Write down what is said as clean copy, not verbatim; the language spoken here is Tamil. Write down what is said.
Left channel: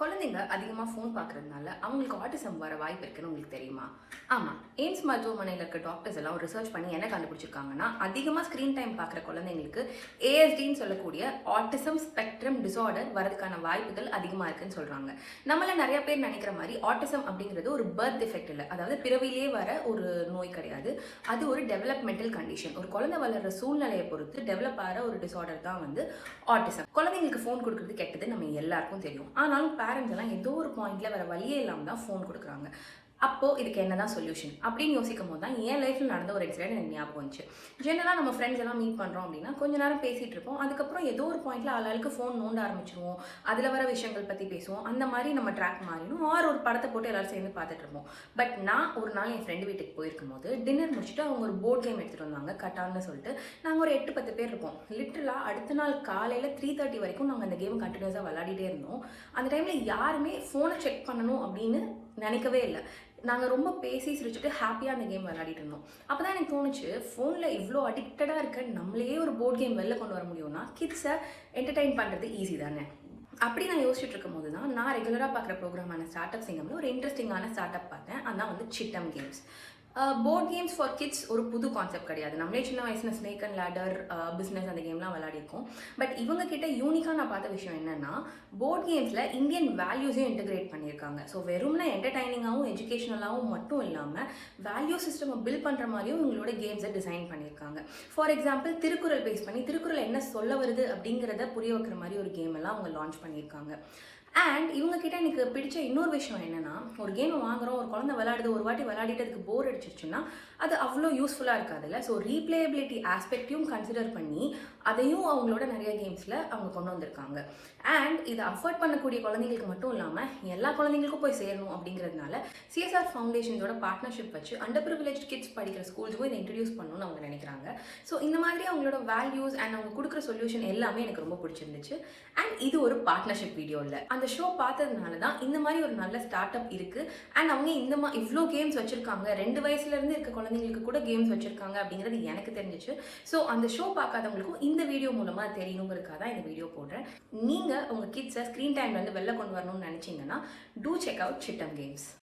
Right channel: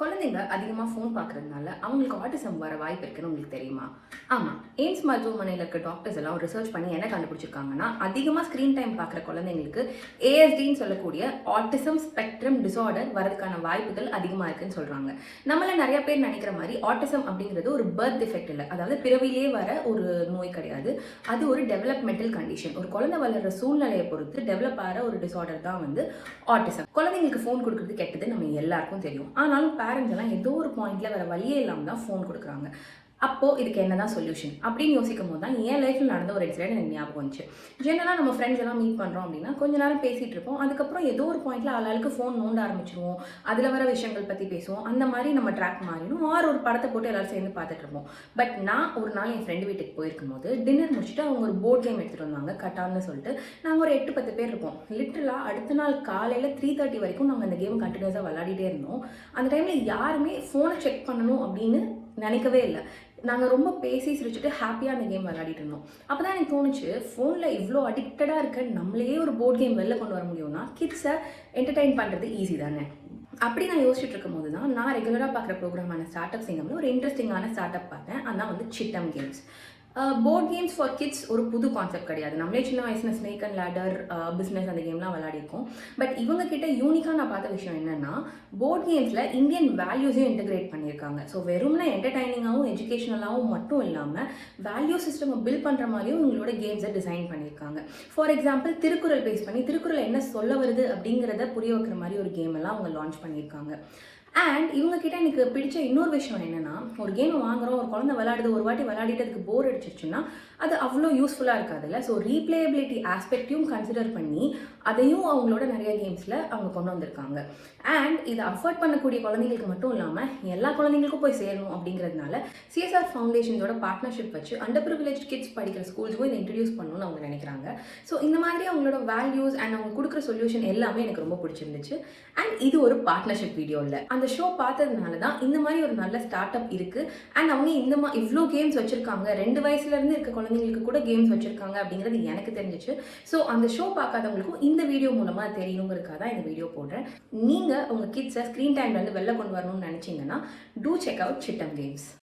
குழந்தைங்க அதிகமாக ஃபோன் பார்க்குறதுனால அவங்களுக்கு ஆட்டிசம் வர வாய்ப்பு இருக்குன்னு உங்களுக்கு தெரியுமா? ஆமாம், எய்ம்ஸ் மருத்துவமனையில் இருக்க டாக்டர்ஸ் எல்லாம் ரிசர்ச் பண்ணி என்ன கண்டுபிடிச்சிருக்காங்கன்னா, அதிகமாக ஸ்க்ரீன் டைம் பார்க்குற குழந்தைங்களுக்கு ஏஎஸ்டின்னு சொல்லக்கூடிய ஆட்டிசம் ஸ்பெக்ட்ரம் டிசார்டர் வரதுக்கான வாய்ப்புகள் அதிகமாக இருக்குன்னு சொல்கிறாங்க. நம்மள நிறைய பேர் நினைக்கிற மாதிரி ஆட்டிசம் அப்படிங்கிறது ஒரு பர்த் டிஃபெக்ட் இல்லை, அதாவது பிறவிலேயே வர ஒரு நோய் கிடையாது. அது ஒரு டெவலப்மெண்டல் கண்டிஷன். ஒரு குழந்தை வளர்கிற சூழ்நிலையை பொறுத்து டெவலப் ஆகிற ஒரு டிசார்டர் தான் ஆட்டிசம். குழந்தைங்களுக்கு ஃபோன் கொடுக்குறது கெட்டது நம்ம எல்லாருக்கும் தெரியும். ஆனாலும் பேரண்ட்ஸ் எல்லாம் ஏதோ ஒரு பாயிண்ட்ல வேற வழியே இல்லாமல் தான் ஃபோன் கொடுக்குறாங்க. அப்போ இதுக்கு என்னதான் சொல்யூஷன் அப்படின்னு யோசிக்கும் போது தான் என் லைஃப்ல நடந்த ஒரு இன்சிடென்ட் எனக்கு ஞாபகம் வந்துச்சு. ஜெனரலாக நம்ம ஃப்ரெண்ட்ஸ் எல்லாம் மீட் பண்ணுறோம் அப்படின்னா கொஞ்ச நேரம் பேசிட்டு இருப்போம். அதுக்கப்புறம் ஏதோ ஒரு பாயிண்ட்ல ஆளாளுக்கு ஃபோன் நோண்ட ஆரம்பிச்சிருவோம். அதில் வர விஷயங்கள் பற்றி பேசுவோம். அந்த மாதிரி நம்ம ட்ராக் மாறிடும். ஒரு படத்தை போட்டு எல்லாரும் சேர்ந்து பார்த்துட்டு இருப்போம். பட் நான் ஒரு நாள் என் ஃப்ரெண்டு வீட்டுக்கு போயிருக்கும் போது டின்னர் முடிச்சுட்டு அவங்க ஒரு போர்ட் கேம் எடுத்துகிட்டு வந்தாங்க, கட்டான்னு சொல்லிட்டு. நாங்கள் ஒரு 8-10 பேர் இருப்போம். லிட்டரலாக அடுத்த நாள் காலையில் 3:30 வரைக்கும் நாங்கள் அந்த கேம் கண்டினியூஸாக விளையாடிட்டே இருந்தோம். அந்த டைமில் யாருமே ஃபோனை செக் பண்ணணும் அப்படின்னு நினைக்கவே இல்லை. நாங்கள் ரொம்ப பேசி சிரிச்சுட்டு ஹாப்பியாக அந்த கேம் விளையாடிட்டு இருந்தோம். அப்போ தான் எனக்கு தோணுச்சு, ஃபோனில் இவ்வளோ அடிக்டடாக இருக்க நம்மளையே ஒரு போர்ட் கேம் வெளில கொண்டு வர முடியும்னா கிட்ஸை என்டர்டெயின் பண்ணுறது ஈஸி தானே. அப்படி நான் யோசிச்சுட்டு இருக்கும் போது தான் நான் ரெகுலராக பார்க்குற ப்ரோக்ராமான ஸ்டார்ட் அப் சிங்கம்ல ஒரு இன்ட்ரெஸ்டிங்கான ஸ்டார்ட் அப் பார்த்தேன். அதான் சிட்டம் games. Board games for kids ஒரு புது கான்செப்ட் கிடையாது. நம்மளே சின்ன வயசுல ஸ்னேக் அண்ட் லேடர், பிஸ்னஸ் அந்த கேம்லாம் விளையாடிருக்கோம். பட் இவங்க கிட்ட யூனிக்காக நான் பார்த்த விஷயம் என்னன்னா, போர்ட் கேம்ஸில் இந்தியன் வேல்யூஸையும் இன்டெகிரேட் பண்ணியிருக்காங்க. ஸோ வெறும்னா என்டர்டைனிங்காகவும் எஜுகேஷனலாகவும் மட்டும் இல்லாமல் வேல்யூ சிஸ்டம் பில்ட் பண்ணுற மாதிரியும் இவங்களோட கேம்ஸை டிசைன் பண்ணியிருக்காங்க. ஃபார் எக்ஸாம்பிள், திருக்குறள் பேஸ் பண்ணி திருக்குறள் என்ன சொல்ல வருது அப்படிங்கிறத புரிய வைக்கிற மாதிரி ஒரு கேம் எல்லாம் அவங்க லான்ச் பண்ணியிருக்காங்க. அண்ட் இவங்க கிட்ட எனக்கு பிடிச்ச இன்னொரு விஷயம் என்னன்னா, ஒரு கேமை வாங்குறோம், ஒரு குழந்தை விளையாடுது, ஒரு வாட்டி விளையாடிட்டு அதுக்கு போர் அடிச்சிருச்சுன்னா அது அவ்வளோ யூஸ்ஃபுல்லாக இருக்காதுல்ல. ஸோ ரீப்ளேபிலிட்டி ஆஸ்பெக்டையும் கன்சிடர் பண்ணி அதையும் அவங்களோட நிறைய கேம்ஸில் அவங்க கொண்டு வந்திருக்காங்க. அண்ட் இதை அஃபோர்ட் பண்ணக்கூடிய குழந்தைங்களுக்கு மட்டும் இல்லாமல் எல்லா குழந்தைங்களுக்கும் போய் சேரணும் அப்படிங்கிறதுனால சிஎஸ்ஆர் ஃபவுண்டேஷன்ஸோட பார்ட்னர்ஷிப் வச்சு அண்டர் ப்ரிவிலேஜ் கிட்ஸ் படிக்கிற ஸ்கூல்ஸுக்கும் இதை இன்ட்ரடியூஸ் பண்ணணும்னு அவங்க நினைக்கிறாங்க. ஸோ இந்த மாதிரி அவங்களோட வேல்யூஸ் அண்ட் அவங்க கொடுக்குற சொல்யூஷன் எல்லாமே எனக்கு ரொம்ப பிடிச்சிருந்துச்சு. அண்ட் இது ஒரு பார்ட்னர்ஷிப் வீடியோ இல்லை, அந்த ஷோ பார்த்ததுனால தான் இந்த மாதிரி ஒரு நல்ல ஸ்டார்ட் அப் இருக்குது. அண்ட் அவங்க இவ்வளோ கேம்ஸ் வச்சுருக்காங்க, 2 வயசுலேருந்து இருக்க குழந்தைங்களுக்கு கூட கேம்ஸ் வச்சுருக்காங்க அப்படிங்கிறது எனக்கு தெரிஞ்சிச்சு. ஸோ அந்த ஷோ பார்க்காதவங்களுக்கும் இந்த வீடியோ மூலமாக தெரியணுங்கிறதுக்காக தான் இந்த வீடியோ போடுறேன். நீங்கள் உங்கள் கிட்ஸை ஸ்க்ரீன் டைம்லேருந்து வெளில கொண்டு வரணும்னு நினச்சிங்கன்னா டூ செக் அவுட் சிட்டம் கேம்ஸ்.